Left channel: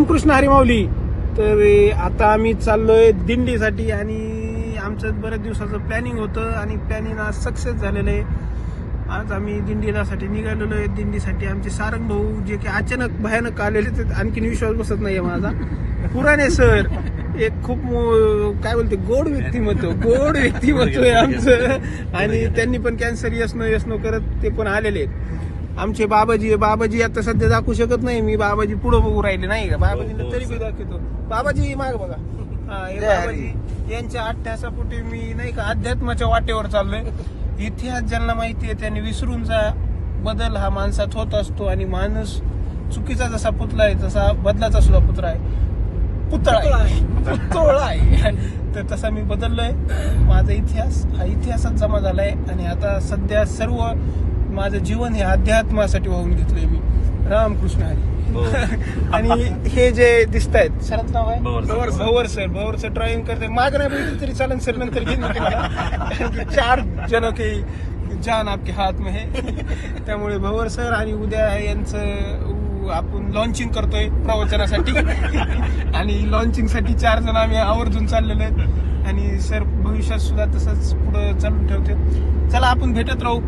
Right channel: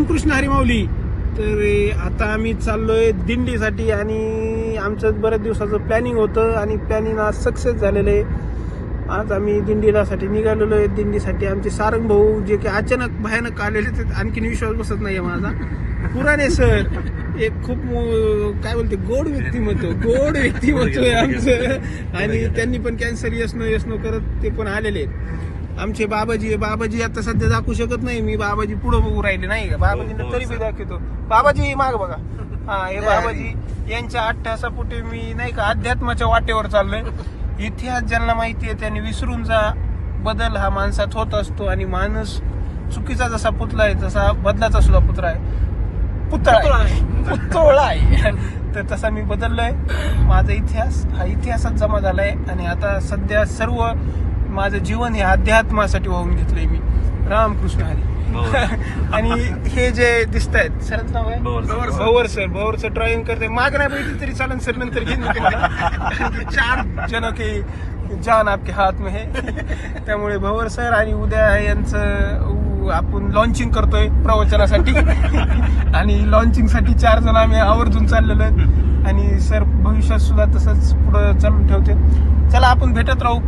रामकृष्ण हरी माऊली. तर आता आम्ही चाललोय दिंडीसाठी आणि आमचं बऱ्याच दिवसाचं प्लॅनिंग होतं आणि प्लॅनिंग आज सक्सेस झालेलं आहे. आज आम्ही दिंडीसाठी निघालेलो आहे. दिंडीसाठी आमचे सारंग भाऊ जे की अचानक भयानक आलेले तर आणखीन विश्वास बसत नाहीये माझा. पुराणे सर एक खूप काय बोलते गोड व्यक्तिमत्व आहे आमचं आणि त्यांनी पण कॅन्सर यस नो करत ते पण आलेले आहेत. आमचे बाबाजी आता सध्या दाखवू शकत नाही मी. बाबाजी पुढे बघू राहिले नाही का. बाबाजींना तरी बी दाखवतो. बाबाजी माग बघा. हा हे बाबाजी यांच्या अट्ट्यासापोटी मी नाही का अध्यात्माच्या वाटेवर चाललोय. इतिहास ज्यांना माहिती आहे त्यांनी विसरून जा. बदल हा माणसात होत असतो आणि माणूस चुकीचा जसा पुतळा आहे तसा बदलाचा सुद्धा पुतळा आहे. तर तसा मी बदललोय. माझा इतिहास हा इतिहासात जमा झालाय आणि आता सध्या सर्व माझं जीवन हे अध्यात्मासाठी वाहून घेतलंय मी. रामकृष्ण हरी. आणि हे जे दिसत आहेत सरांचं नाव आहे भवर सर ड्रायव्हिंग करते. माग नाही बघितली तरी चालेल सर नंतर घेऊन 4 जण के जान आपके हात में है. त्यामुळे भवर सर आणि उद्या यांचं आपण लॉन्चिंग करतोय प्रवचनासाठी आणि लॉन्चिंगसाठी 4 जण आम्ही आवर्जून चाललेलो आणि सर भविष्यात सुद्धा तसंच पुढं चालून ठेवते. चला आपण भेटत राहू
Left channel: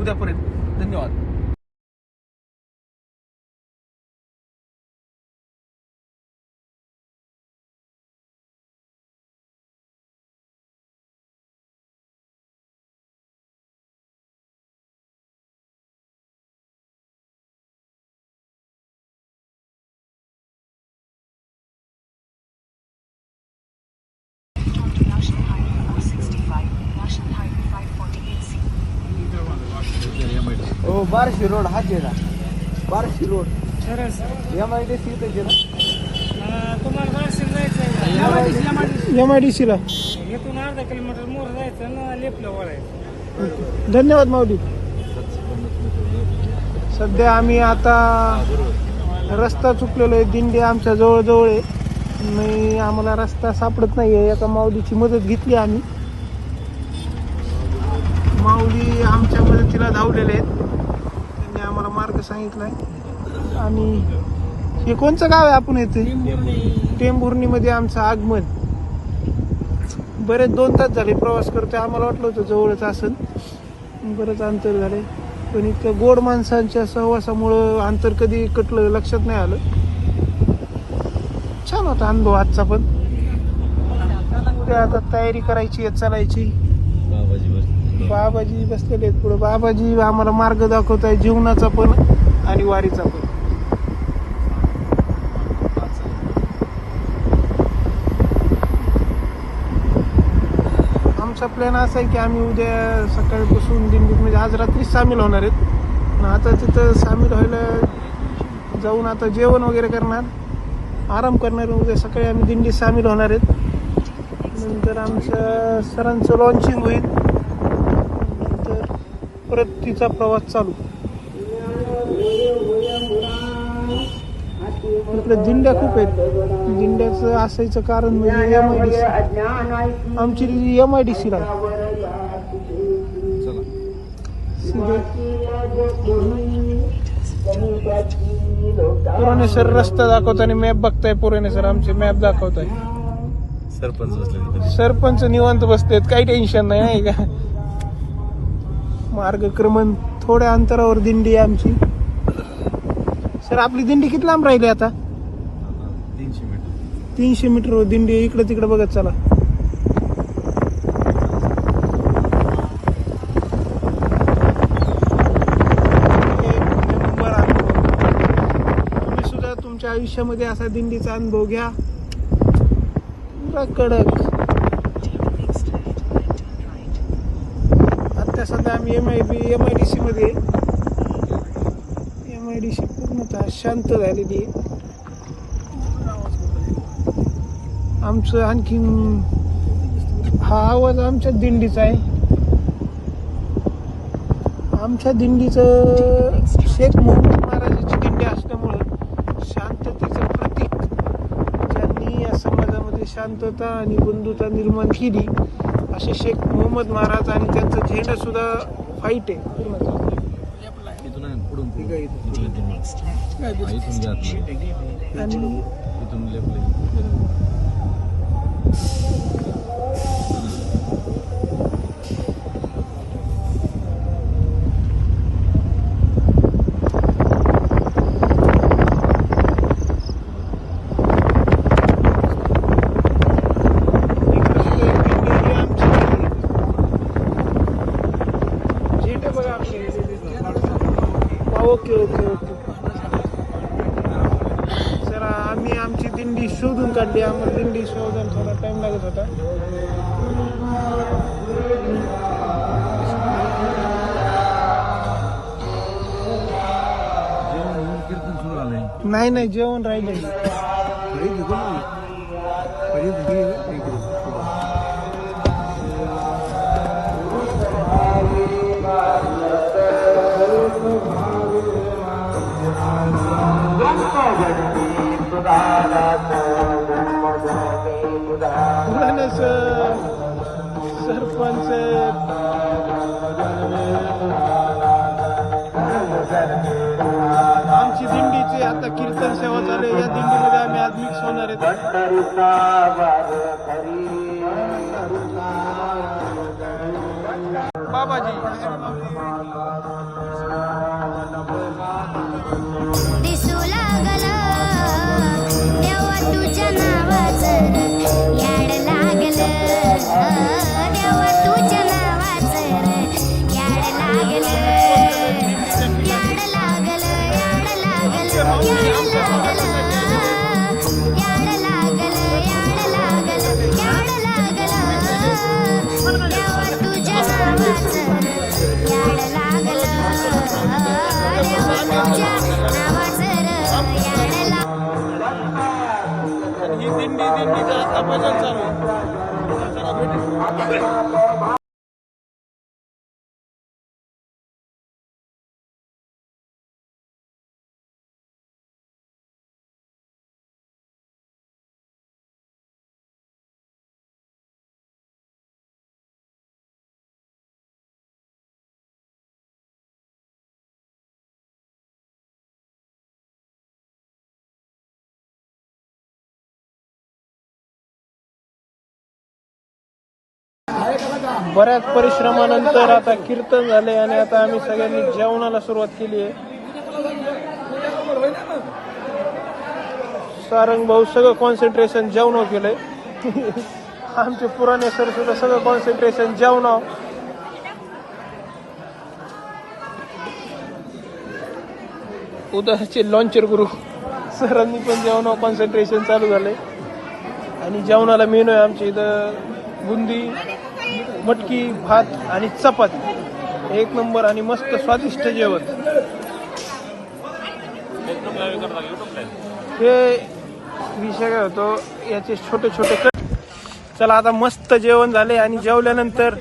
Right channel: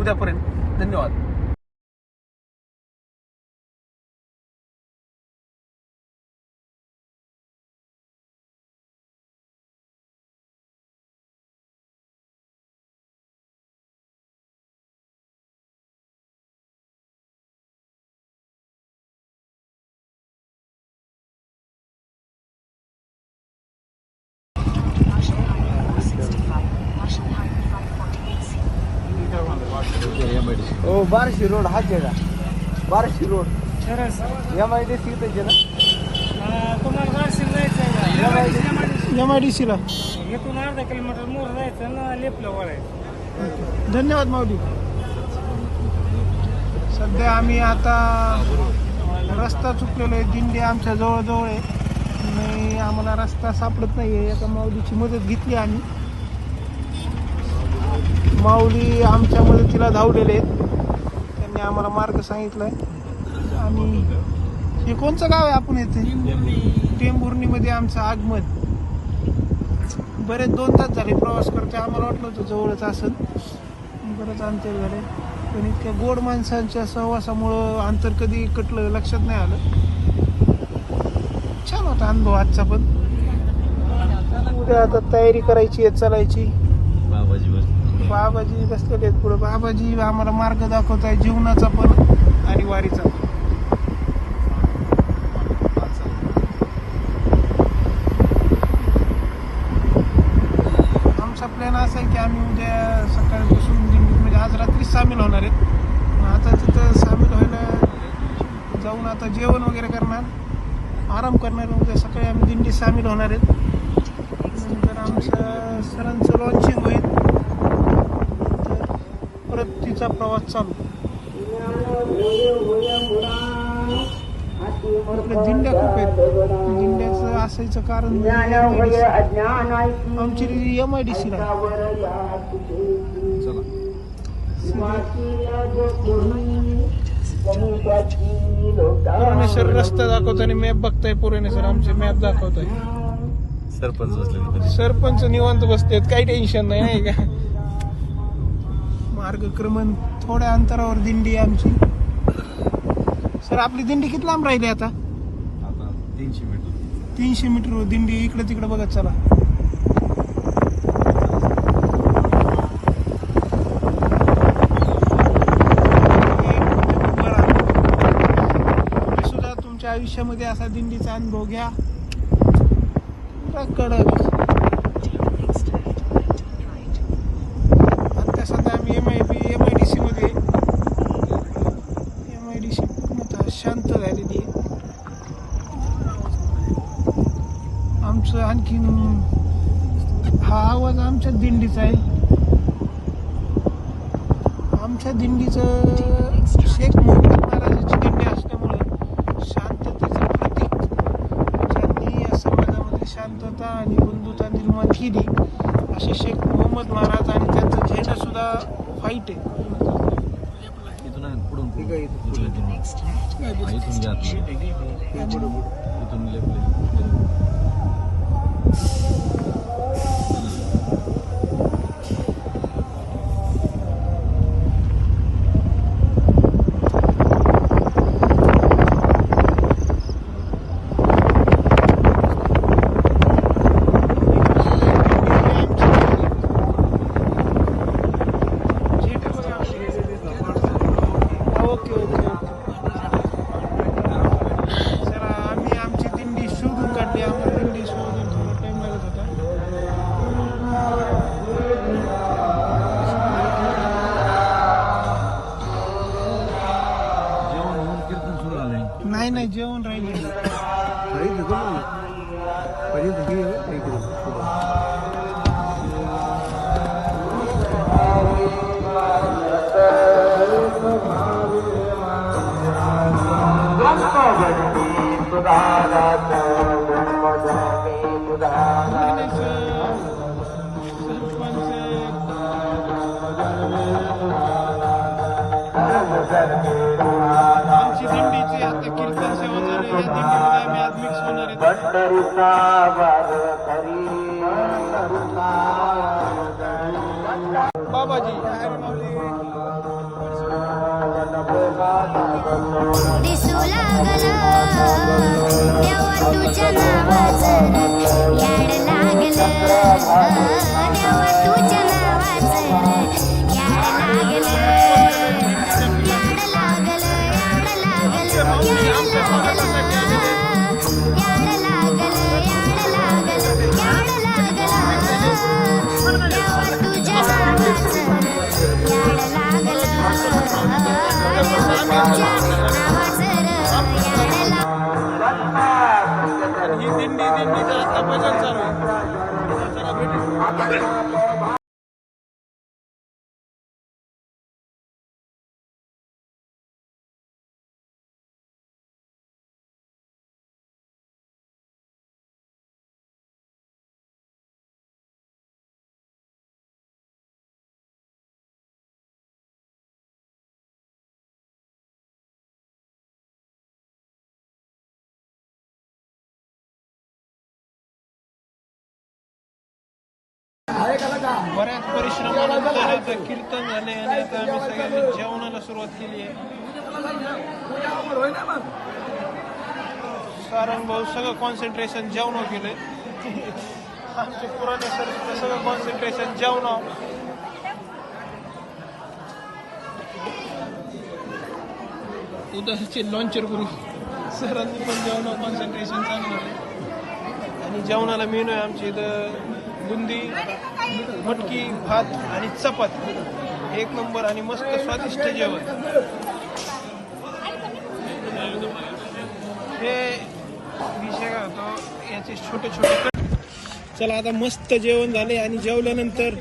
उद्यापर्यंत. धन्यवाद. बारशी रोड हा आहे का? बारशी रोड MIDC इथे ना. तुम्हाला बारशी जायचं MIDC ला इथून अर्धा किलोमीटर मोर जायचं ना लेपला वळायचं. धन्यवाद माऊली. सध्या आम्ही आता रस्ता चुकलेलो आहे. दिंडी आमच्या जवळ आहे. आम्हाला रस्ता सापडत नाहीये. एका माऊलीची मदत घेतली आम्ही. माऊली आमच्या मदतीला धावलेले आहेत. त्यांनी आम्हाला मार्ग सांगितलाय. आणि हे कोणचं गाव आहे आपण येथे टेंभुर्णीमध्ये आमचं आगमन. बरेच 2 तास झाले प्रवास करतोय. आम्हाला वाटलं होतं जवळच असेल. बरंच अंतर झाले पण इतक्या गोड माणसांच्या सहवासामुळं अंतर कधी कटलं लक्षात नाही आलं. छान होता अनुभव आजचा पण. आता तयारी करायची आहे चालायची. बाबाजी बसलेले आहेत पुढे. बाबाजी आम्हाला मार्ग दाखवत आहे जीवनाचा पण आणि वारीचा पण. आमचा प्लॅन असा आहे की आम्ही उद्या सकाळपासून दिंडीत म्हणजे आज रात्री सामील होणार आहेत. आता तिथं सामील व्हायला जाऊन आता जेवण वगैरे करणार, आराम करणार. उद्या सकाळी आम्ही दिंडीत सामील होणार आहेत. नंतर आमचं सरांचं लॉन्चिंग होईल. नंतर परत तिचा प्रवास चालू. आपल्या दिंड्या खूप आहेत. दिंड्याचं असायचं कारण म्हणजे आमची MIDC ला पुराणे सर रस्ता दाखवताना मॅप बघताय. पुराणे सर आमचे मॅप दाखवताय. सरपंच निवांत बसलेत. काही टेन्शन नाही का. मार्गक्रमण थोड्या अंतरावर दिंडी आमची. सर आपली दिंडी किती लांब राहिली आता? 300 मीटर दिंडी. इकडे तिकडे बघत चला. तुम्ही सुद्धा तुमच्या आयुष्यामध्ये असा दिंडीचा अनुभव घ्या. कडक. आता सध्या आम्ही MIDC मध्ये. MIDC पूर्णतः शांत झालेली. आमचं आणखीन हा आवाज आमच्या दिंडीचा आहे. आमच्या दिंडीचं शेख मोहम्मद महाराजांची दिंडी असल्यामुळं शांततेचं प्रतीक ज्यांनी या समाजामध्ये शांतता आणि बंधुता निर्माण केली असे शेख मोहम्मद महाराज. आणि त्यांचा झेंडा सुद्धा फाईट आहे पूर्ण. आणि इथून लेपले. Okay okay okay. सर आम्ही आमची दिंडी शोधून काढली. आम्हाला दिंडी शोधून थोडा टाइम लागत होता. जेवण होऊन कीर्तन सुरू झालंय. नाही नाही जेवण राहिले. सरपंच आमची दिंडीची आता कीर्तन सेवा चालू आहे. या दिंडीमध्ये आम्ही आज मिक्स होणार दिसू लागलं देवा तुझ्या नावाचं याड लागलं देवा तुझ्या नावाचं याड लागलं याड लागलं याड लागलं याड लागलं याड लागलं याड लागलं देवा तुझ्या नावाचं याड लागलं देवा तुझ्या नावाचं याड लागलं. ही दिंडीचं आता भजन चालू आहे. चला भेटू. बऱ्याच परिश्रमानंतर आता कीर्तन झाले आणि आता आम्ही सगळ्यांनी जेवणाला सुरुवात केली आहे. सारंग भाऊ सगळं कॉन्सन्ट्रेशन जेवणावर केलंय. आमचे पुराणे सर सुद्धा सगळं कॉन्सन्ट्रेशन जेवणावर. उद्याचे लॉन्चर गुरु सरांनी पण जेवणावर कॉन्सन्ट्रेशन चालू झाले. आणि जेवणाला मेनू आहे आमच्या इथं बुंदी, मटकी, भात आणि चपाती. एक नंबर आणि मस्त स्वादिष्ट जेवण. हे विषय काय होतो याचे छोटे छोटे कट. चला आता मस्त जेवण झाले आणि जेवल्यानंतर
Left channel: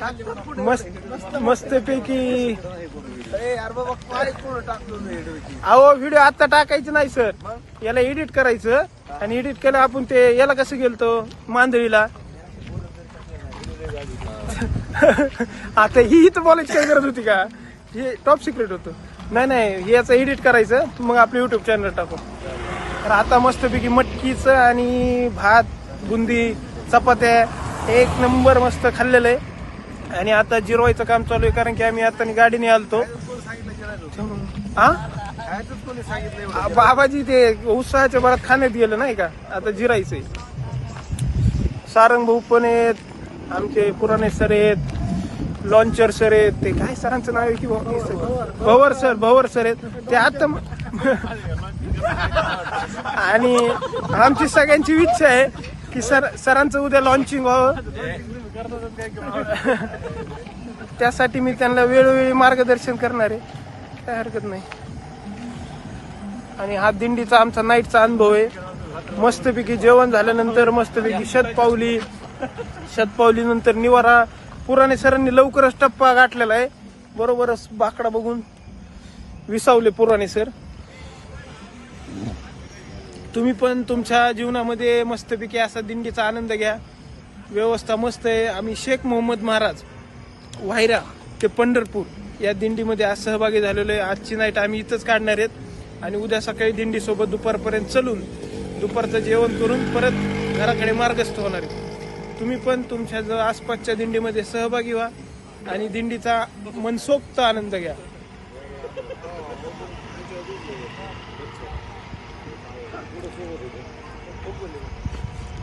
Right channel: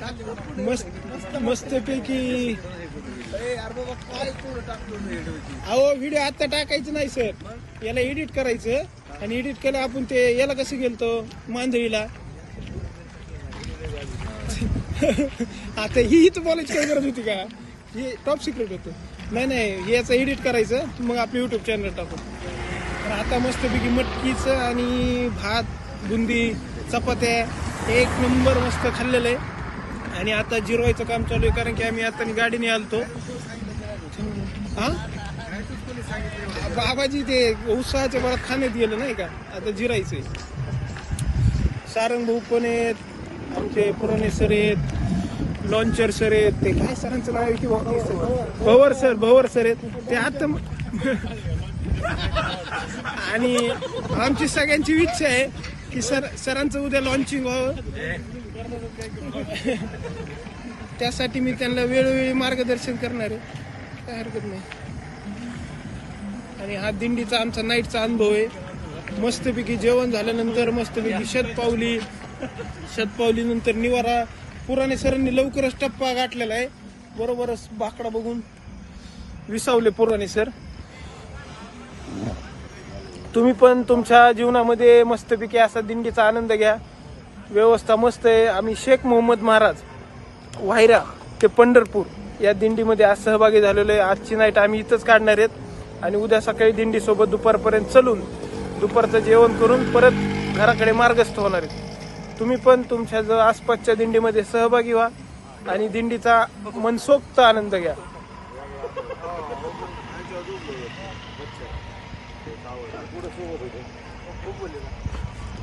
मस्तपैकी अहो व्हिडिओ आता टाकायचं नाही सर, याला एडिट करायचं. आणि एडिट केलं आपण ते याला कसं गेलतो मांजरीला. आता ही तर बोलायची काय गरज होती का? हे टॉप सिक्रेट होतं. नाही याचं एडिट करायचं मग आपलं युट्यूब चॅनल टाकू. तर आता मस्तपैकी मटकीचं आणि भात, बुंदी, चपात्या एक नंबर मस्त खाल्लेलं आहे. आणि आता जिरवायचं काम चालू आहे कारण की आम्ही आता गाडीने आलतो. हा बाबाजी ते उत्साहाच्या बरात खाण्यात गेलं नाही का, आता जिरायचंय. सारंग भाऊ पण आहेत, आमचे पुराणे सर आहेत, लॉन्चर सर आहेत. ते काय सरांचं नाव आहे की भवर सर आहेत ते आता. आणि आमची सगळ्यांची इच्छा आहे की सरांचं उद्या लॉन्चिंग व्हावं. त्यासाठी मी त्यांना वेळोवेळी मार्गदर्शन करणार आहे, काय हरकत नाही. आणि हा दिंडीचा आमचा नाईटचा अनुभव आहे. मस्तपैकी जेवण झाल्यानंतर मस्तपैकी शतपावली नंतर निवारा. पुराणे सरांनी लवकरच टप्पा गाठलेला आहे. बरोबरच बाकडा बघून विसावले पुराणे सर. तुम्ही पण तुमच्या जीवनामध्ये मस्तपैकी असा दिंडीचा आनंद घ्या. व्यवस्था मस्त आहे. आम्ही शेख मोहम्मद महाराज वाहिरा ते पंढरपूर या दिंडीमध्ये आज सहभागी झालेलो आहे. आजची नाईट आम्ही इथंच काढणार आहेत आणि उद्या सकाळी दिंडीसोबत दुपारपर्यंत चलून दुपारचं जेवण करून परत घराकडे मार्गस्थ होणार आहे. तुम्ही पण तुमच्या जो आसपासच्या दिंडीमध्ये सहभागी व्हा आणि दिंडीचा मनसोक्त आनंद घ्या.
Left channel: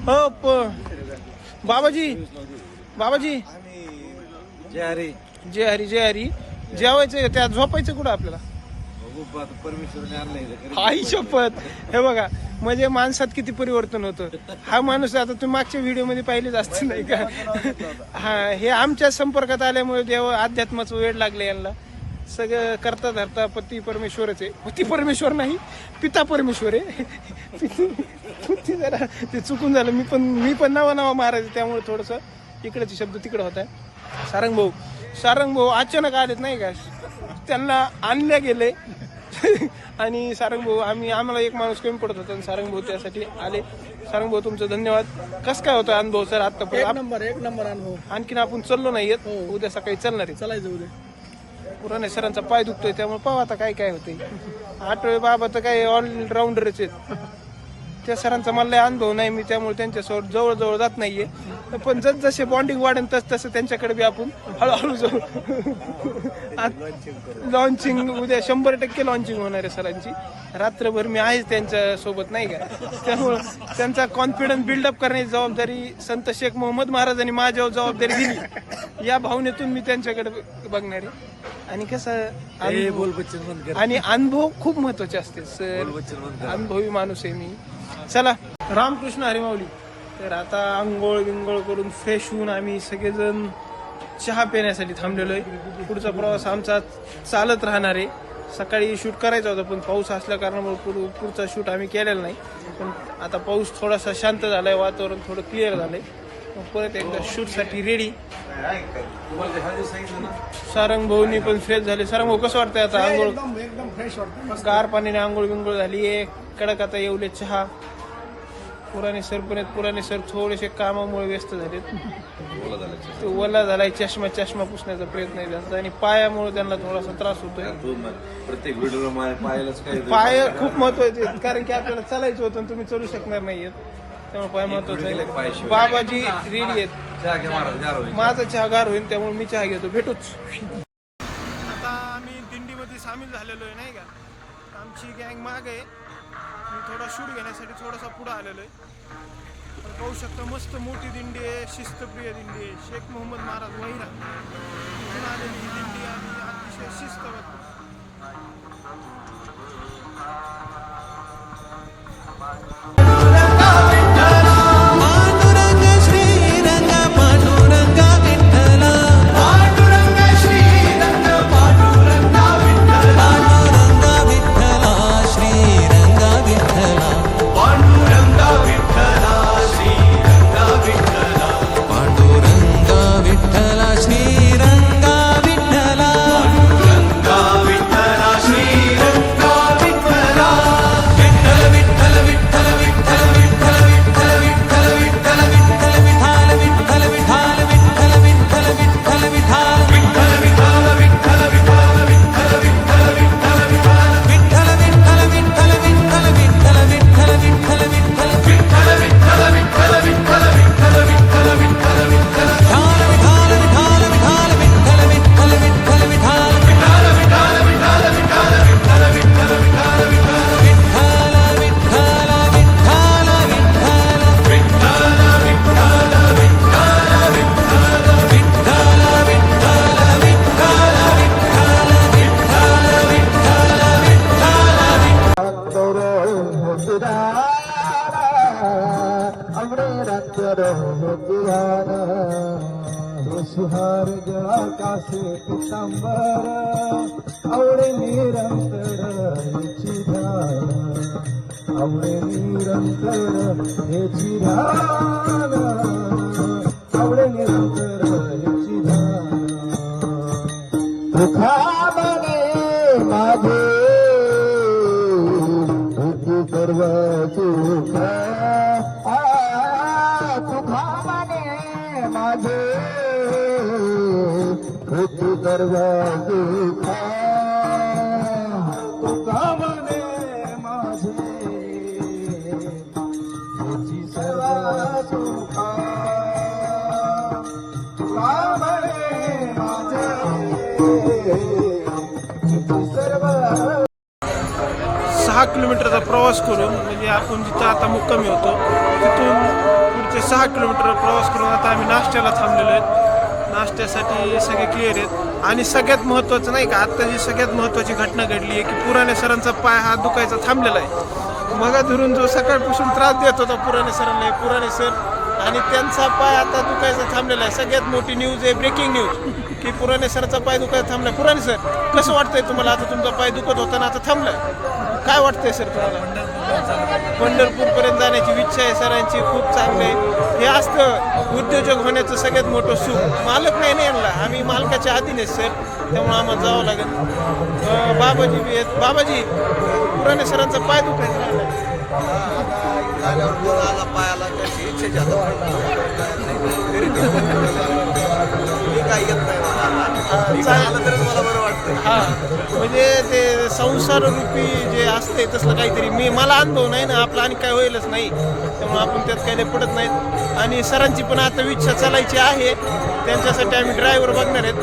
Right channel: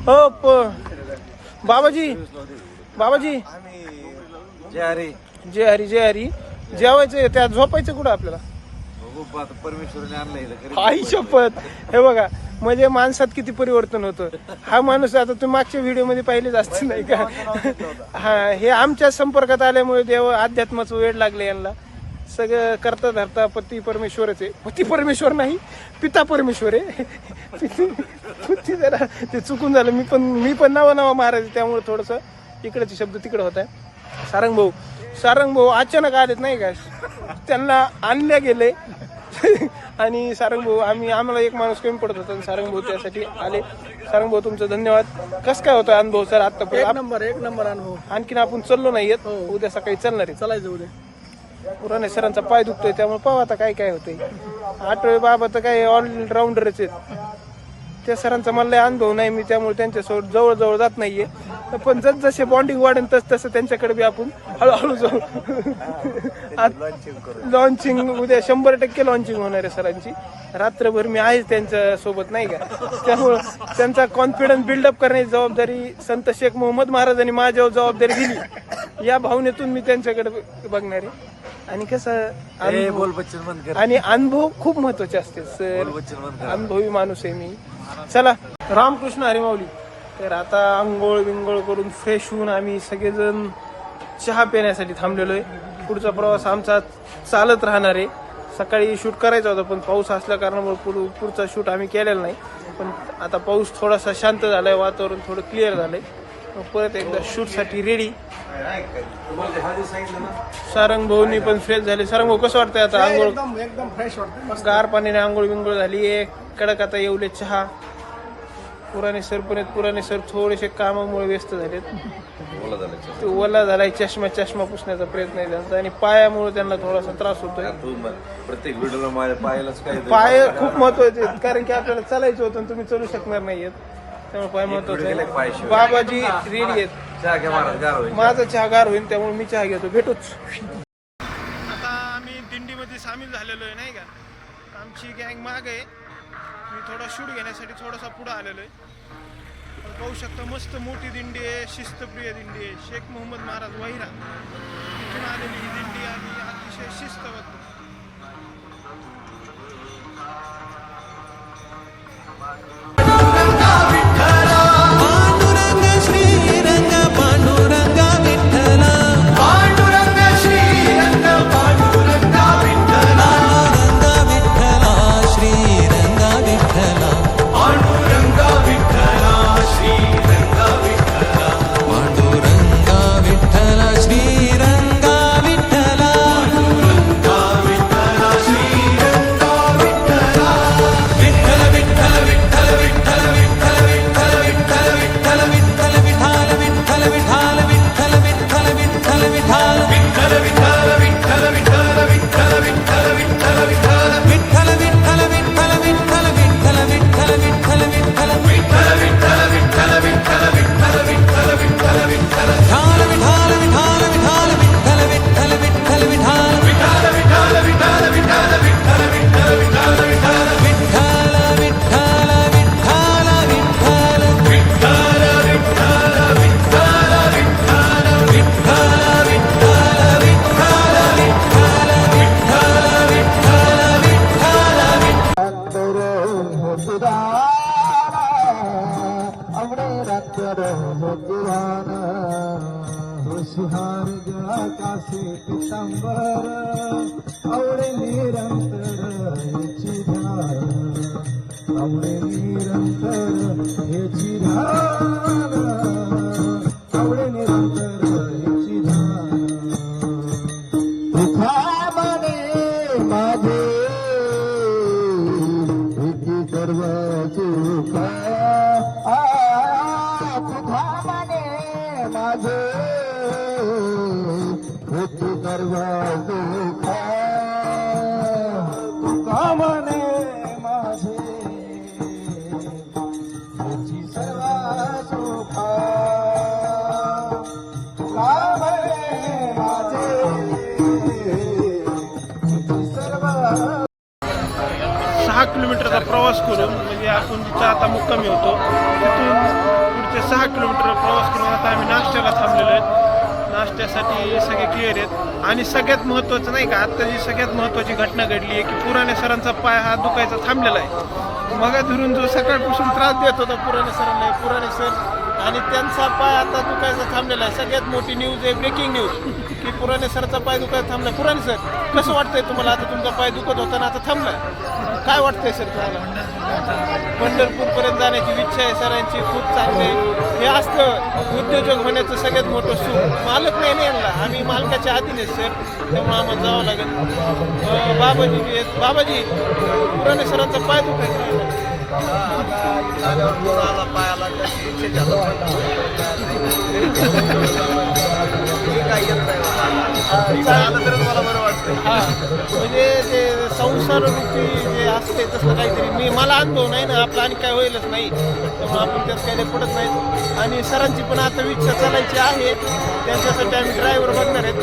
हो बाबाजी जय हरी. जय हरी जेवायचं त्या झोपायचं कुठं आपल्याला परमेश्वराने आणलंय आई शपथ. हे बघा म्हणजे माणसात किती परिवर्तन होतं. हा माणूस आता तुम्ही मागच्या व्हिडिओ मध्ये पाहिलेच असतील नाही का. हा हे आमच्या संपर्कात आल्यामुळे देव अध्यात्माचं वेळ लागले यांना. सगळं करता धरता पती परमेश्वरच आहे. पती परमेश्वर नाही पिता परमेश्वर आहे. जरा ते चुकून झालं. मी पण नवा महाराज त्यामुळे थोडस तिकडचे शब्द तिकडे होत आहे. सारंग भाऊ अचानक आलेत नाही का. त्यांना आणले गेले आणि सारंग भाऊ आम्हाला एक माणूस कमी पडत होता. सारंग भाऊ त्यासाठी आले. सारंग भाऊ तुमचं धन्यवाद. कसं काय होतं अनुभव तर आता एक नंबर अनुभव. आणखीन आपण चाललो नाहीयेत. उद्या सकाळी चालणार आहे. चालायचं उद्या. पुराणे सरांचा पाय दुखतोय त्यामुळे पाहू आता काय होते. आठवे बाबा तर काही ऑलराऊंडरच आहेत. त्या सरांचा मला लय अनुभव नाही मी त्यामुळे त्यांच्यासोबत जवळ जात नाहीये. पण जसे बॉन्डिंग वाढेल तसं त्यांच्याकडे बी आपण हळूहळू जाऊ. लॉन्चिंग उद्या 100% लॉन्चिंग होणार आहे सरांची. रात्रभर मी आहेच त्यांच्या सोबत नाही का. त्यामुळे त्यांचा कॉन्फिडन्स बिल्डअप करण्याची जबाबदारी संत शेख मोहम्मद महाराजांनी माझ्यावर जबाबदारी दिली. या भावनेतून मी त्यांच्याकडे बघणार आहे. आणि कसं आणि अनुभव खूप महत्वाचे असतात. अनुभवी माणूस आहे मी. चला रामकृष्ण हरी माऊली. तर आता आंघोळ बिंघोळ करून फ्रेश होऊन आम्ही सगळेजण चहा पिण्यासाठी थांबलेलो आहे. पुढचा प्रवास आमचा चालत राहणार आहे. सकाळी शूट करायचा होता पण पाऊस असल्या कारणामुळे पुढचा शूट आम्ही केलेला नाही. पण आता पाऊस थोडासा शांत झालाय. वातावरण थोडं क्लिअर झालंय. परत एकदा शूटसाठी रेडी. सारंग भाऊनी पण फ्रेश झाले. सारंग भाऊ कसं वाटतंय आता आंघोळ. एकदम फ्रेश वाटतं. गार पाण्याने आंघोळ बिंघोळ झाली. कडक आता येवले चहा. पुराणेश्वर थोडेसे कामामुळे व्यस्त झाले. ओला झालाय. चष्मा पुसण्याचा प्रयत्न केला आणि पायामुळे त्यांना थोडासा त्रास होतो. प्रत्येक व्हिडिओ पाय खूप महत्वाचे कारण की आपल्याला चालायचे होते तुम्ही चलू शकणार नाहीयेत. काय महत्वाचं बाबाजी रेडी आहेत. माझा चहा गार होईल त्यामुळे मी चहा घेतो. भेटूच. आता आम्ही दिंडीमध्ये सामील झालेलो आहे नाही का. आमची गँग माग आहे. मी थोडा शूट घेण्यासाठी थोडासा पुढे आलेलो आहे. पाहू शकता मस्त मोठी दिंडी आहे. शिस्तप्रिय दिंडी आहे. शेख मोहम्मद महाराज वहिरा इथून आलेली ही दिंडी आणि अतिशय शिस्तबद्ध. 6 किलोमीटरचा प्रवास करून म्हणजे आपण जिथं आता मुक्कामी होतो तिथून पुढचे 6 किलोमीटर प्रवास करून आता आम्ही नाश्त्याला थांबलेलो आहेत. नाश्त्यासाठी सगळे क्लिअर आहेत. आणि सगळ्यात महत्त्वाचं नाही का, आत्ता जी सगळ्यात महत्त्वाची घटना घडली आहे की पुराणे सरांचा पाय हा दुखायचा थांबलेला आहे. मग धरून जो सकाळपासून त्रास देत होता पुराणे सरांना, पुराणे सर आणि त्यांचा पाय आता दुखायचा थांबलेला आहे. सगळ्यात मोठी न्यूज आहे, ब्रेकिंग न्यूज की पुराणे सरचा पाय दुखायचा थांबलाय. पुराणे सर, कसं वाटतंय तुम्हाला? आता तुमचा पाय दुखत होता ना, आता थांबलाय. काय वाटतंय सर तुम्हाला? पंढरपूरपर्यंत जाण्याची इच्छा आहे सरांची, खूप चांगली आहे. हे असतं उद्योजक होण्याचं सगळ्यात मोठं सुख. मालक नाही ना यांना, आम्ही मालकाच्या हातीने सर, त्यामुळे आम्हाला जावं लागेल. बाबाजी बी आहेत. बाबाजी, पुराणे सरांचा पाय दुखायचा हा, म्हणजे ते संसार रूपी जे असते तसलं काहीतरी मला अनुभव नाही ना आपला, आणि काय होईलच नाही, त्यामुळे आपण त्यात काही पडत नाहीत. आणि सरांची पण आता इच्छा चालायची आहे, त्यांच्यासाठी आम्ही ड्रायव्हर बघणार आहेत.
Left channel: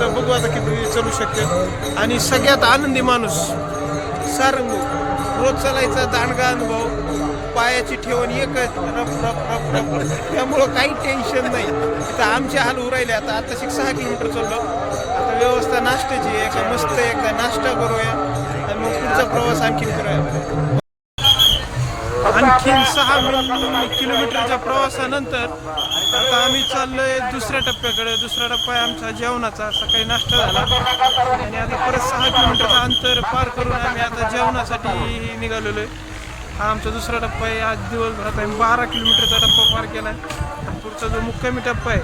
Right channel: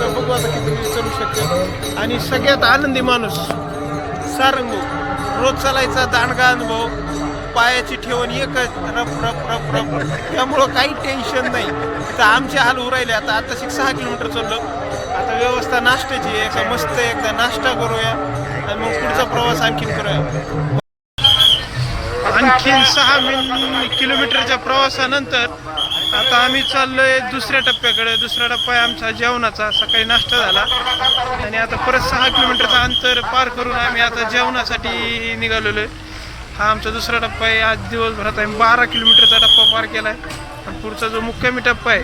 तर बघू आता किती चालू शकते. आणि सगळ्यात आनंदी माणूस सारंग, रोज चालायचा दांडगा अनुभव, पायाची ठेवण एकच, रप रप रप रप, त्यामुळं काही टेन्शन नाही. तर आमचे हाल उरायले. आता 6 किलोमीटर चाललो. आता व्यवस्था नाश्त्याची आहे का, मस्त एकदा नाश्ता करूया आणि मग पुढचा प्रवास आणखीन करूया. आणखीन 6 किलोमीटरच्या प्रवासानंतर आता आम्ही चाललोय दुसऱ्या टप्प्याकडे. दुसरा टप्पा आहे आमचा जेवणाचा. सकाळी नाश्ता झाला आणि आता परत 6 किलोमीटरचं अंतर पार करून आम्ही आता जेवणासाठी निघालेलो आहे. हा आमचा दुसरा टप्पा आहे. आज दिवसभरात आम्ही 12 किलोमीटरचा टप्पा पार केला आहे. आणि पुढचा जो मुक्कामी टप्पा आहे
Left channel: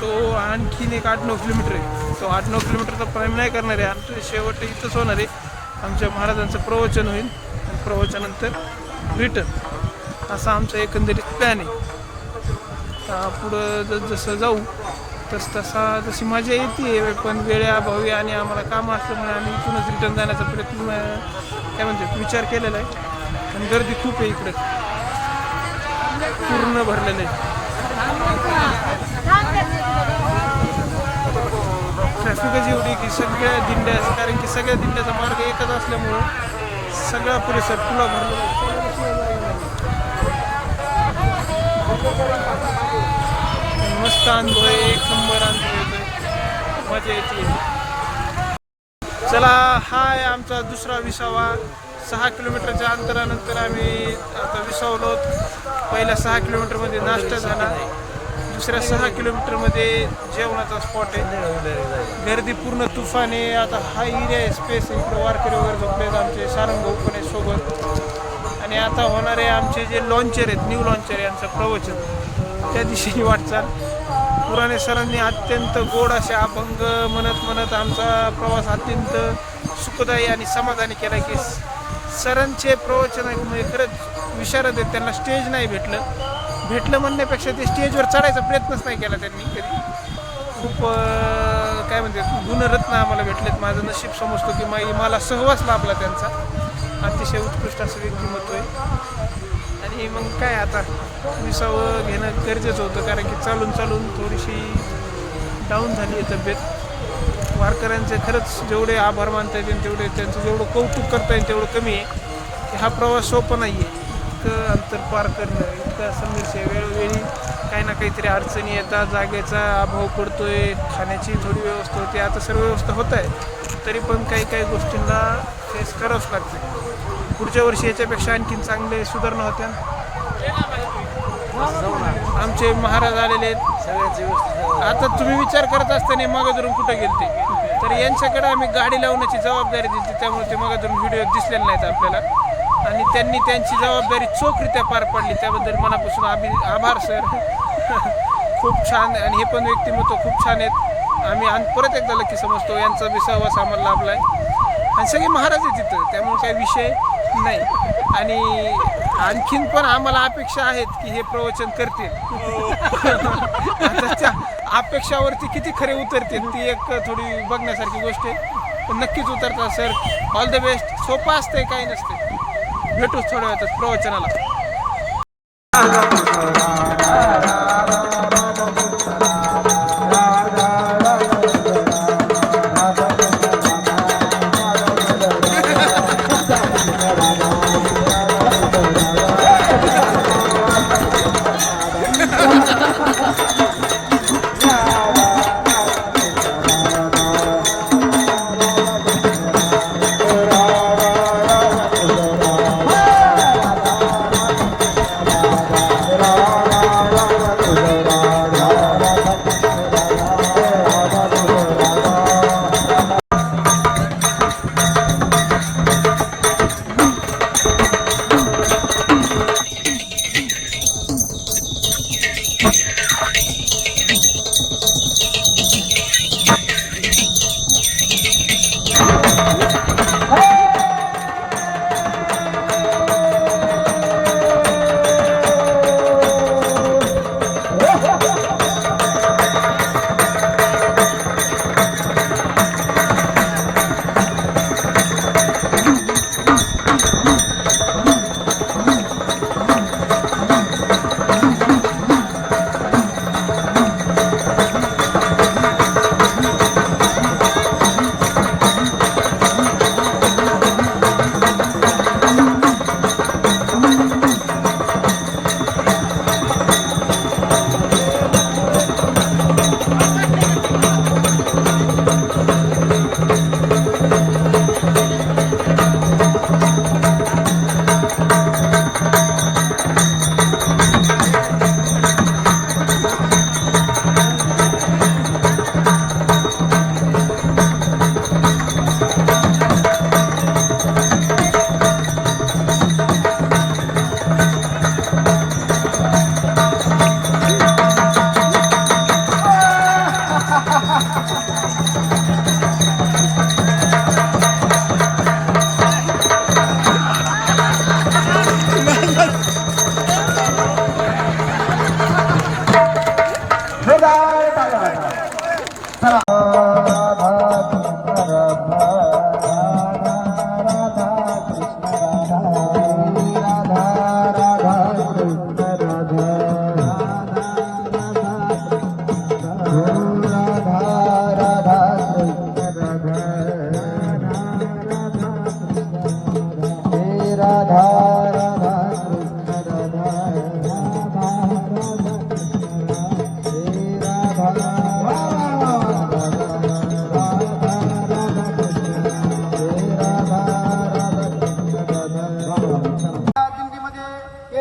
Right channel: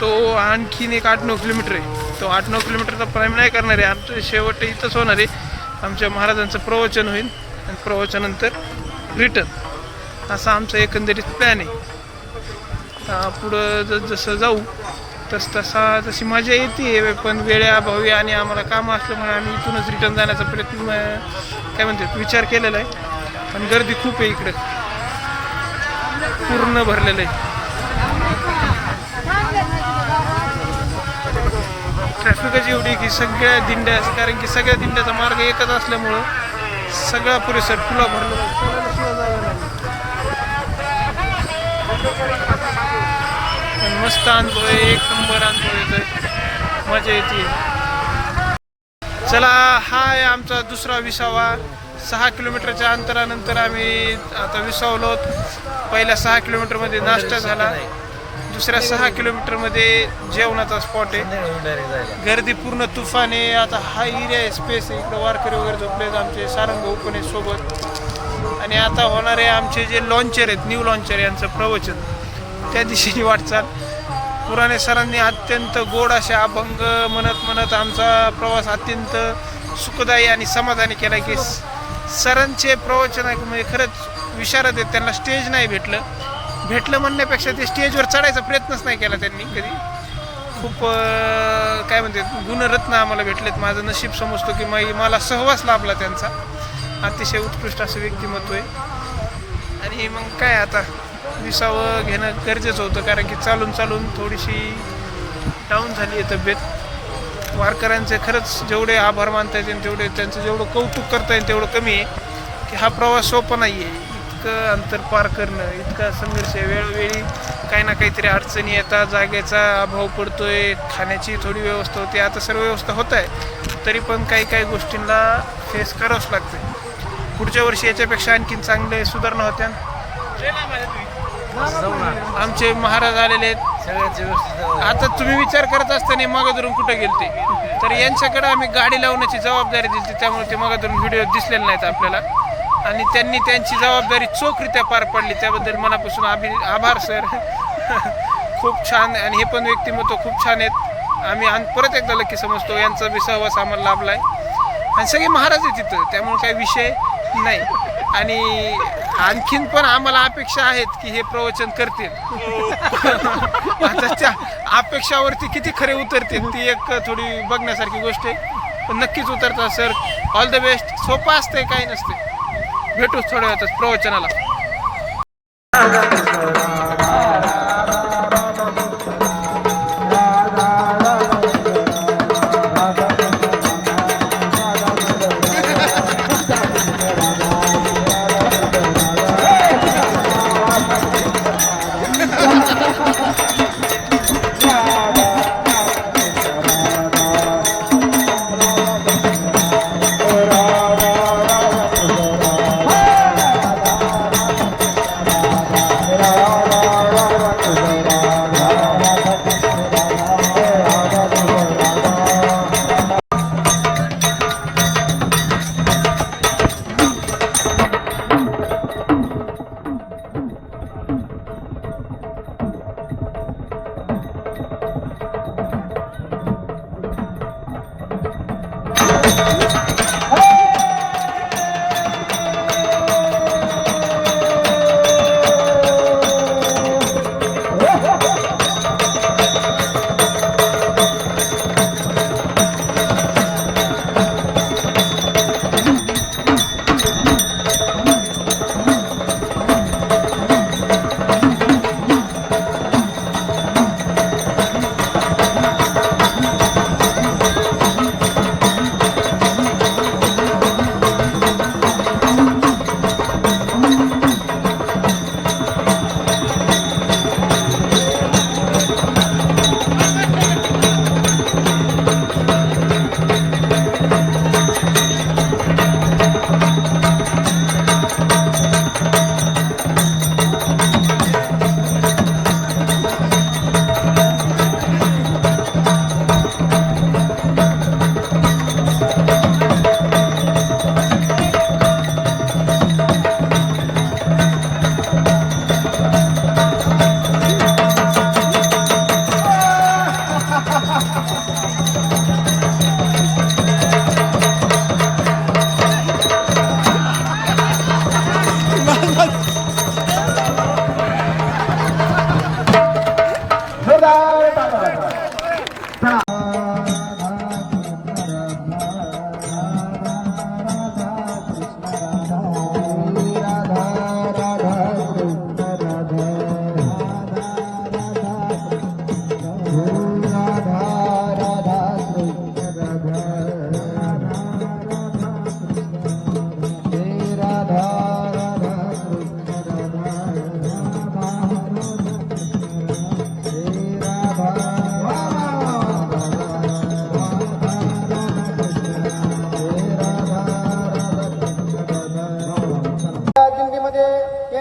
तो आणखीन एक 8-9 किलोमीटर आहे. तो 8-9 किलोमीटरचा टप्पा आम्ही नाही करणार आहे. आमचं शेवट इथंच होणार आहे. आमच्या महाराजांचं प्रवचन होईल आणि प्रवचनानंतर रिटर्न, असा आमचा एकंदरीत प्लॅन आहे. पुढं जसं जाऊ तशी मजा येते, पण वेळेअभावी आणि आम्हाला कामं असल्यामुळे आम्ही इथूनच रिटर्न जाण्याचा प्रयत्न काय म्हणतात विचार केलेला आहे. पण गर्दी खूप आहे इकडे, पूर्ण भरलेलं आहे. ट्रॅफिकच एवढी की सगळ्या दिंड्या, कारण की सगळ्या दिंड्याचा मार्ग एकच असल्यामुळं सगळा परिसर फुला भरलेला आहे. मस्त अनुभव आहे, एक नंबर अनुभव येतोय, मजा येते. चला, हा आहे आमचा दुसरा विसावा. 6 किलोमीटरच्या अंतरानंतर आम्ही आता विसावलो. पहिल्या 6 किलोमीटरमध्ये नाश्ता झाला, दुसऱ्या 6 किलोमीटरमध्ये जेवणाचा स्पॉट आहे. गर्दी पूर्ण तुफान आहे. आता हा एरिया आहे, स्पेस आहे, इकडं वारकरी वगैरे झोपलेत. आमचे सारंग भाऊ पण आहे सोबत. आणि आता होणारे आमचे जे लॉन्चर आहेत, न्यू लॉन्चर, यांचं प्रवचन, त्या दिशेने वाटचाल. पुराणे सरांनी अत्यंत गोड असे अभंग म्हणत आमचा प्रवास अत्यंत सुखदायी आणि समाधानी केला. की सरांचे प्रवचन म्हणजे खरंच विशारद आहेत. त्यांना स्टेज नाही भेटलं म्हणण्यापेक्षा ते स्टेजवर चढायचा प्रयत्नच नाही केला त्यांनी कधी. खूप काय म्हणतात गुणरत्न आम्हाला भेटलेत. माझं नशीब समजतो की मला सहवास लाभला त्यांचा. अतिशय उत्कृष्ट असं व्यक्तिमत्व आहे. आणि मग काय आता विसावं घेणं गरजेचं होतं, कारण की चालून थोडीशी डाऊन झाली आहे तब्येत. वारकऱ्यांचे खरंच जेवढे आभार मानता येतील तेवढे, त्यांचं जेवढं कौतुक करता येईल तेवढं कमी आहे. की हा प्रवास सोपा नाही आहे. इतकं अंतर पार करणं, इतका संघर्ष आहे. वेळोवेळी काही ना काहीतरी अडचणी येतात, जागेचा अभाव पडतोय, खाण्याची थोडी व्यवस्था होते. आता सर्व व्यवस्था होत आहे, तरी पण काही गोष्टींना फेस करावंच लागते. पुढच्या वर्षी याच्यापेक्षा आणखीन चांगले सुधारणा होत्या. आमचे महाराज आलेले आहेत सगळ्याच व्यवस्थित. आता तुम्ही विचार करत असताना मागं कुठं गेलते, तर यांच्याकडे आम्ही गाडी लावण्याची जबाबदारी दिली, त्यामुळे ते मागं व्हिडिओ दिसलेले नाहीत आपल्याला. आणि त्यांनी त्यांची जबाबदारी चोखरित्या पार पाडली, त्याबद्दल मनापासून आभार सर. खूप छान. आणि हे पण व्यक्तिमत्व खूप छान आहेत. आम्ही परत एकदा लकी समजतो, यांचा बी सहवास आम्हाला लाभला आहे. आणि सगळे महाराज आहेत तिथं, त्यामुळे काही विषय नाही. आणि आणखीन पण आम्हाला अपेक्षा आहेत की हे प्रवचन करतील. आता त्या अपेक्षावरती किती खरे उतरतील ती एक थोडी बघण्यासारखी गोष्ट आहे. पण नक्कीच उतरतात सर. All the best. सोपं असतंय, काही नसते. भेटूच थोड्या वेळातच प्रवचनाला.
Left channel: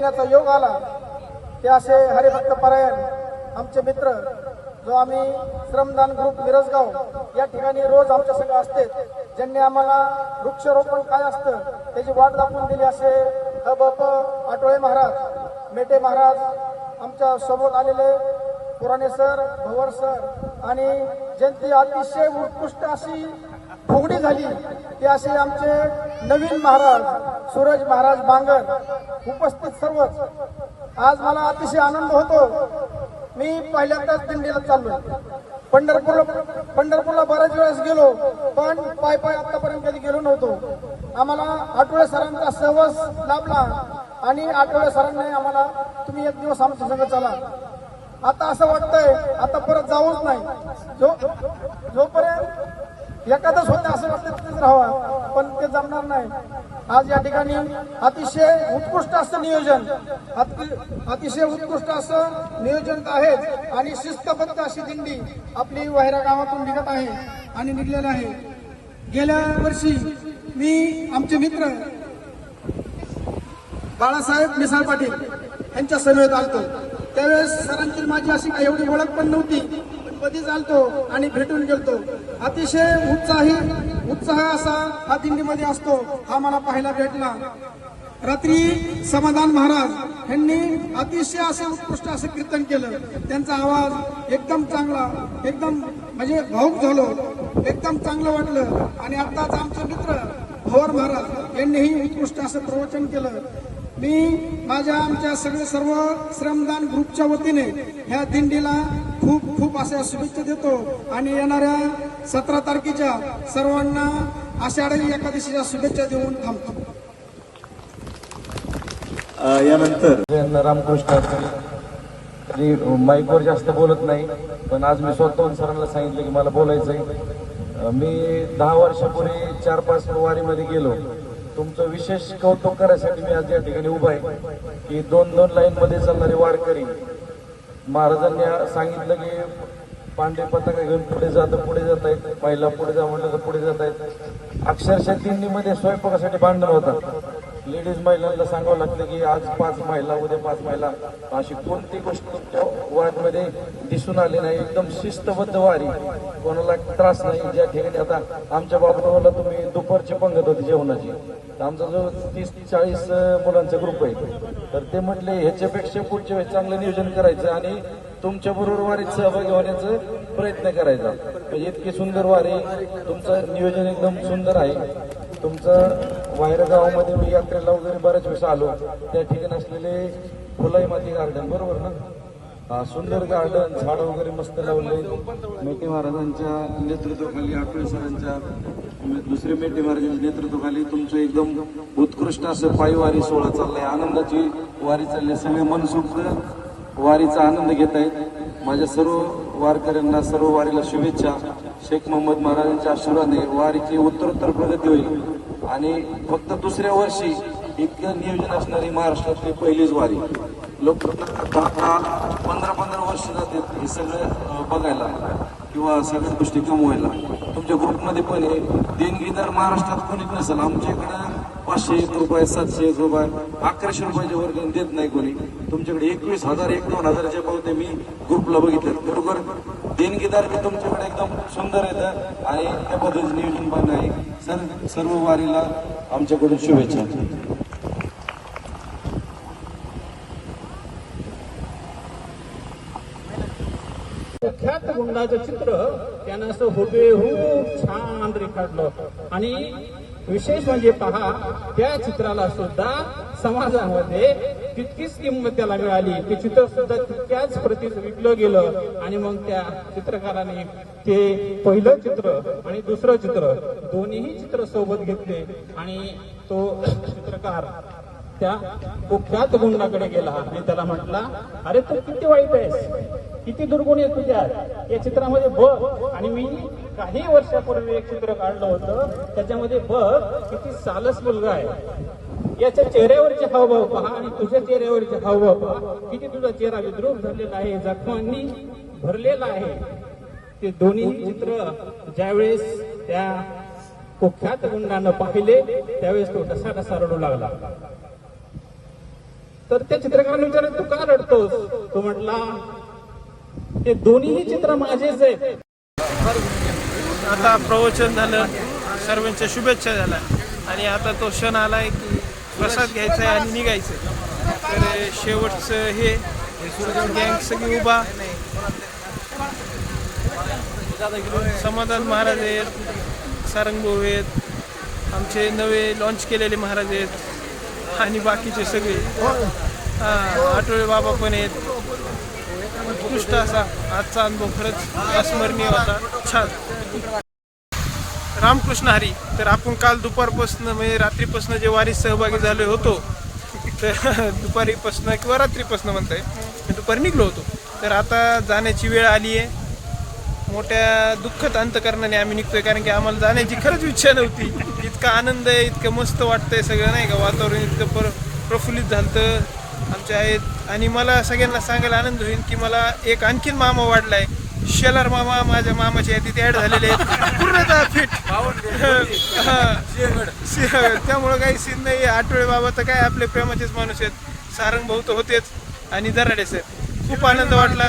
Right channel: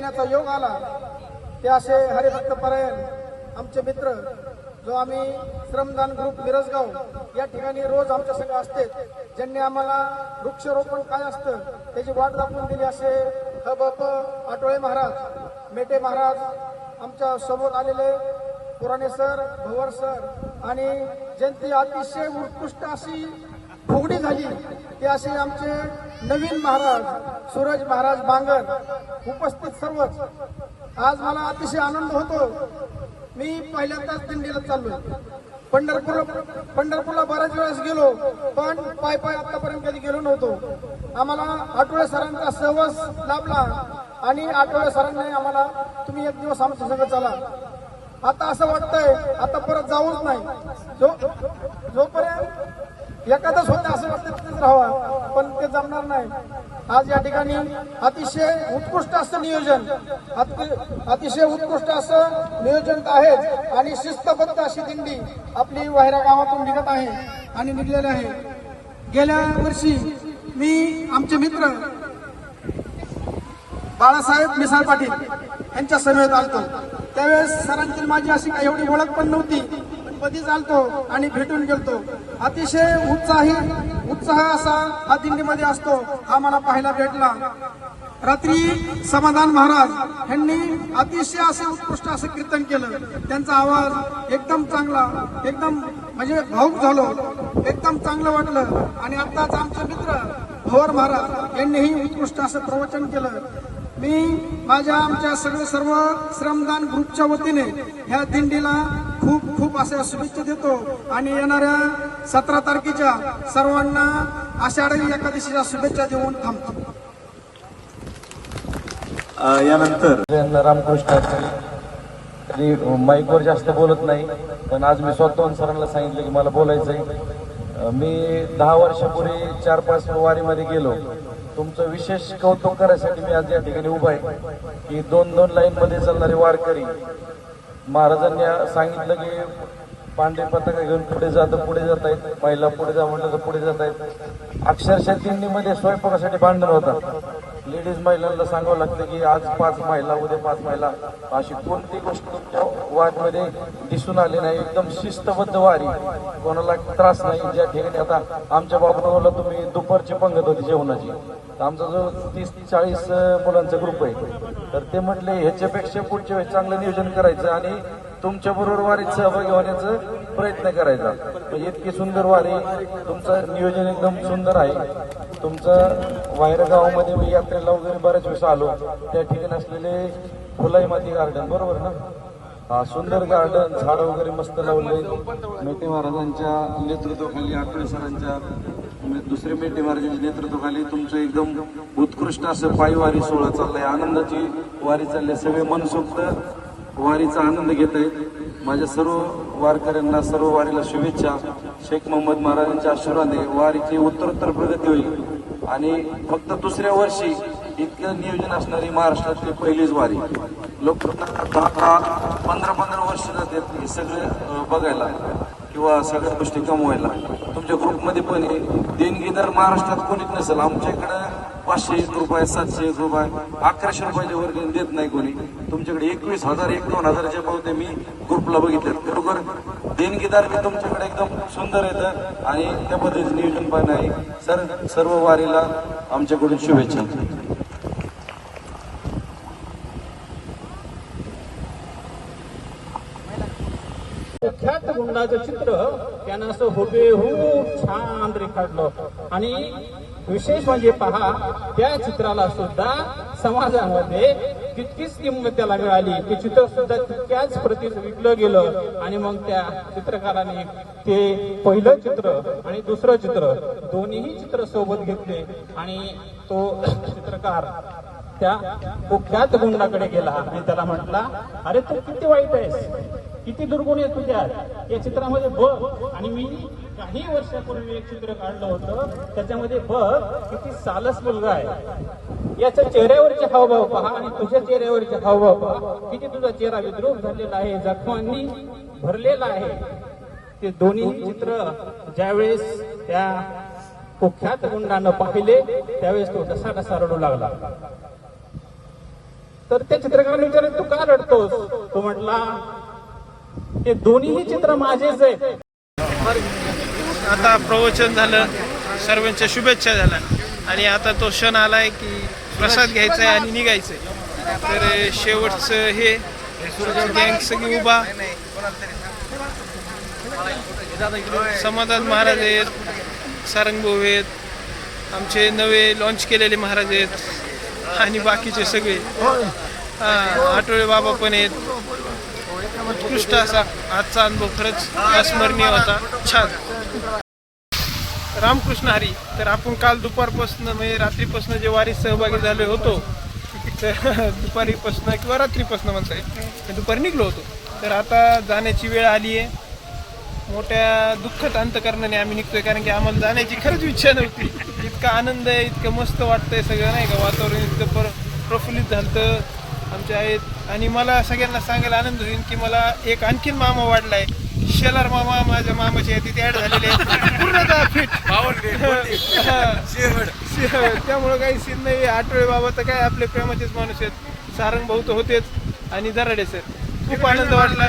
येण्याचा योग आला ते असे हरिभक्त परायण आमचे मित्र, जो आम्ही श्रमदान ग्रुप मिरजगाव या ठिकाणी रोज आमच्या संघ असते, ज्यांनी आम्हाला वृक्षारोपण काय असतं त्याची वाट दाखवून दिली, असे हबप आटोळे महाराज, मेटे महाराज, आमच्या सोबत आलेले पुराणे सर, भवर सर आणि ज्यांची अतिशय उत्कृष्ट अशी फुगडी झाली ते असे आमचे नवीन महाराज सूरज महाराज बांगर, उपस्थित सर्वच. आज मला अतिशय आनंद होतो. मी पहिल्यांदाच दिंडीला चाललोय. पंढरपूरला बऱ्याच वेळेस गेलो, पण पाय आतापर्यंत कधी गेलो नव्हतो. आम्हाला आठवडे सरांचा सहवास लाभला आणि आठवडे सरांनी आम्हाला तुम्ही एक दिवस आमच्या संग चला. आता असं वाटतंय आता परत जाऊच नाही. जोपर्यंत एखादंच होतं असं वाटतं तिथेच राहावा, पण ते जमणार नाही. आज या ठिकाणी अतिशय उत्कृष्ट असं नियोजन, अतिशय उत्कृष्ट असं नियोजन आहे आणि शिस्तबद्ध अशी दिंडी आपली वाहिरा गावातून निघत आहे आणि निघलेली आहे. गेल्या वर्षी मी आमचे मित्र बाळासाहेब मिसाळ पाटील यांच्या सभेत आलतो. त्यावेळेस सरांची माझी अशी काही एवढी ओळख पण नव्हती, पण कधी चालतो आणि भेटून गेलतो. अतिशय उत्साह असा हा दिंडीमध्ये असतो, हा मला पाहायला भेटला. रात्री समाधान महाराज यांनी अतिशय असे उत्कृष्ट असं कीर्तन केलं. त्यांचा आवाज एकदम चांगला, एकदम म्हणजे भाऊक झालो, एकदम चांगलं वाटलं. आणि आताच आमचे मित्र भवर महाराज यांनीही उत्कृष्ट असं प्रवचन केलं. मी माझ्या आमच्या सर्व श्रमदान ग्रुपच्या वतीने ह्या दिंडीला खूप अशा शुभेच्छा देतो आणि येणाऱ्या 17 तारखेच्या सर्वांना आषाढी एकादशीच्या शुभेच्छा देऊन थांबतो. यानंतर रामकृष्ण तरी माईकवर जास्त बोलत नाही, पण आज मी स्वतःहून सरांना सांगितलं की मला बोलायचंय. मी 10 वर्षापूर्वी 4-5 वारीमध्ये गेलो. तुमचं विशेष कौतुक करायसाठी मी आज या ठिकाणी उभा आहे की 2-2 लाईनमध्ये चालणारे वारकरी. महाराजांनी सांगितलं की पांढरी पताका घेऊन पुढे जात आहेत, महिला पुढे जा म्हटलं तर पुढे जात आहेत. अक्षरशः दिंडीमध्ये स्वयंपाकासाठी भांडण होतात. लेडीज महिलांना सांगावं लागतं की आज 5 महिला, उद्या 5 महिला. अशी कोणती गोष्ट तुमच्या वारीमध्ये दिसून आली नाही. एकदम शिस्तबद्ध वारी, कोणाला त्रास नाही. ज्या ठिकाणी आता आमच्या बाबूला तुम्ही दुपारची पंगत होती जेवणाची, आमचा जो 30-40 मुलांचा ग्रुप आहे, तर ते म्हटले ह्याच्यापेक्षा पुढच्या वेळेस चांगलं नियोजन करायचं आणि तुमच्या बरोबर वारीत सहभागी होण्याचा प्रयत्न करायचा. म्हणजे इतकी सुंदर वारी, तुमचं नियोजन एकदम सुंदर आहे. तुमचं वायरा गावामध्ये मी यात्रेला वगैरे बऱ्याच वेळेस आलो, त्या ठिकाणी असलेले फुलाई माती गार्डन, बरोबर ना, हा सुंदर गार्डन, झाडं वगैरे मस्त लावले. मेटे महाराजांच्या नेतृत्वाखाली, आठवले सरांच्या दुसरे मेटे महाराजांच्या नेतृत्वाखाली तुमचं एकदम उत्कृष्ट असं पायवारी सोहळा चाललाय. आनंदाची वारी चालली, सगळे मनसोक्त वारीचा आनंद घेत आहेत. माझ्या सर्व वारकऱ्यांना, सर्व वारीला शुभेच्छा. शेख मोहम्मद महाराजांच्या आशीर्वादाने वारीची उत्तरोत्तर प्रगती होईल आणि फक्त दुसऱ्या वर्षी इतकं नियोजन असणारी महाराष्ट्रातली पहिलीच वारी. लोक 10-15 वर्ष जातात हे सगळं बघायला किंवा सगळ्या गोष्टी कमवायला. तुमच्या ग्रुपमध्ये पण आहे, देणगीदार महाराष्ट्रात कोणीच नसेल. आमच्या इकडं 501 रुपये, 701 रुपये, 1100 रुपयाच्या वर देत नाही कोणी. तुमच्याकडे 21,000, 1-2,000च्या पावते मी ग्रुपला बघितलं. खरोखर देणगीदार मी तुमच्याकडे एकदम सुंदर येतं आणि त्या पद्धतीचं नियोजन पण आहे. सर्व वारीला आमच्याकडून शुभेच्छा. ख्यात गुंडाचं चित्र त्यानं असं हुबेहूब छान रेखाटलं. आणि विशेष म्हणजे पहा, त्या चित्राला सुद्धा समाजामध्ये तितकीच किंमत त्याला मिळाली. ते चित्र सुद्धा तितक्याच प्रतीत विकलं गेलं. आणि मग त्या चित्रकाराने ते पहिलं चित्र आणि दुसरं चित्र दोन्हीही चित्र सोबत घेतले आणि तो चित्रकार त्या कुख्यात गुंडाकडे गेला आणि त्याला म्हटला, अरे तू किती वाईट आहेस, किती दुर्गुण आहे तुझ्यात, या चित्रामध्ये बघ. आणि मी काही वर्षापूर्वी एक चित्र काढलं होतं, त्याच्यामध्ये बघ किती सालस मुलगा आहे, याच्या चेहऱ्यावरचे हावभाव पहा आणि तुझ्या चेहऱ्यावरचे हावभाव पहा, किती तुझा चेहरा विद्रूप झालेला आहे, जखमांनी भरलेला आहे. ते दोन्ही चित्र ज्यावेळेस त्या कुख्यात गुंडानं पाहिले त्यावेळेस तो कसा रडू लागला. तर त्या चित्रकाराने विचारलं तू का रडतोस? तो म्हटला हे दोन्ही चित्र माझेच आहे. आता प्रवचन झालं, सर्वांच्या शुभेच्छा झाल्या आणि आता तो क्षण आलाय की प्रसाद घ्यायचा आहे आणि निघायचंय. तर शेवटचं हे गँग सगळी उभा, समाधान महाराज आहेत, सारंगभाऊ आहेत, आमचे नवे लॉन्च केलेले महाराज आहेत आणि बाकीचे सगळे आठवले बाबा पण आहेत. उत्कृष्ट असा आजचा अनुभव खरंच अस्मरणीय होता, छान. रामकृष्ण हरी. तर आपण काल दुपारपासून म्हणजे रात्रीपासून जे वारीत सहभागी झालो होतो, तर दुपारीपासून किंवा रात्रीपासून म्हणताय, मी दुपारी निघलो होतो. तर आता जाण्याची वेळ आली आहे. मोठ्या दुःखद अंतकरणाने आम्ही निघतोय, कारण की आम्हाला जाण्याची खरंच इच्छा नव्हती. इतका आनंद आहे, इतकं मस्त वाटतंय सगळं, नाही का, वातावरण इतकं प्रफुल्लित झालं आमचे आहेत. आणि मला सगळ्यांना सांगायला आनंद होईल की मला एक आणखीन मामा वाढलाय, शेलार मामा. माझ्या मामाच्या यादीत ऍड झालेले आहेत, पूर्णतः फिट. त्यामुळं काही सीन नाही. आठवळे बाबा तर काय आपले प्रेमाचेच माणूस आहेत, सारंग भाऊ तर होतेच आणि दराडे सर. खूप आनंद वाटला.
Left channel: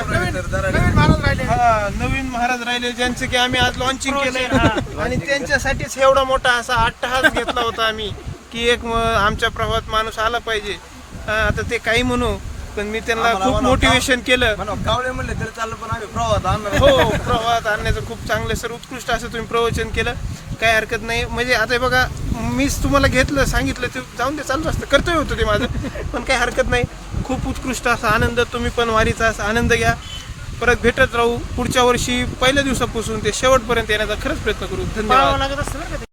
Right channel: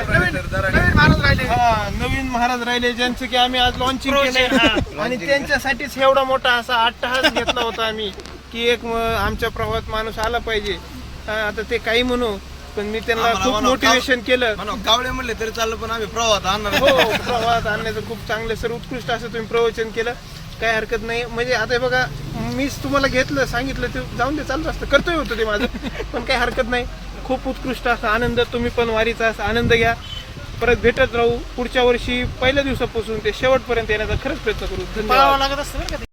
नवीन महाराज राहिले, ज्यांचं की आम्ही आज लॉन्चिंग केलंय आणि त्यांच्यासाठीच एवढा मोठा असा अट्टहास घेतला होता आम्ही की एक आमच्या प्रवाहात माणूस आला पाहिजे. आता ते काही म्हणू, पण मी त्यांना खूप मोटिवेशन केलं. गावडे म्हणले तरी चाललं, पण आम्ही प्रवाहात आणणार. हो, प्रवाहात आणण्याचं खूप चांगलं सर, उत्कृष्ट असं तुम्ही प्रवचन केलं, काही हरकत नाही. म्हणजे आता बघा, मीच तुम्हाला घेतलं, सांगितलं, ते जाऊन ते चालत असतं, कर्तव्य होतं ते माझं, पण काही हरकत नाही. खूप उत्कृष्ट असा आनंद. तुम्ही पण वारीचा असा आनंद घ्या. परत भेटत राहू. पुढच्या वर्षी पहिल्या दिवसापासून ते शेवटपर्यंत येण्याचा खरंच प्रयत्न करू. धन्यवाद.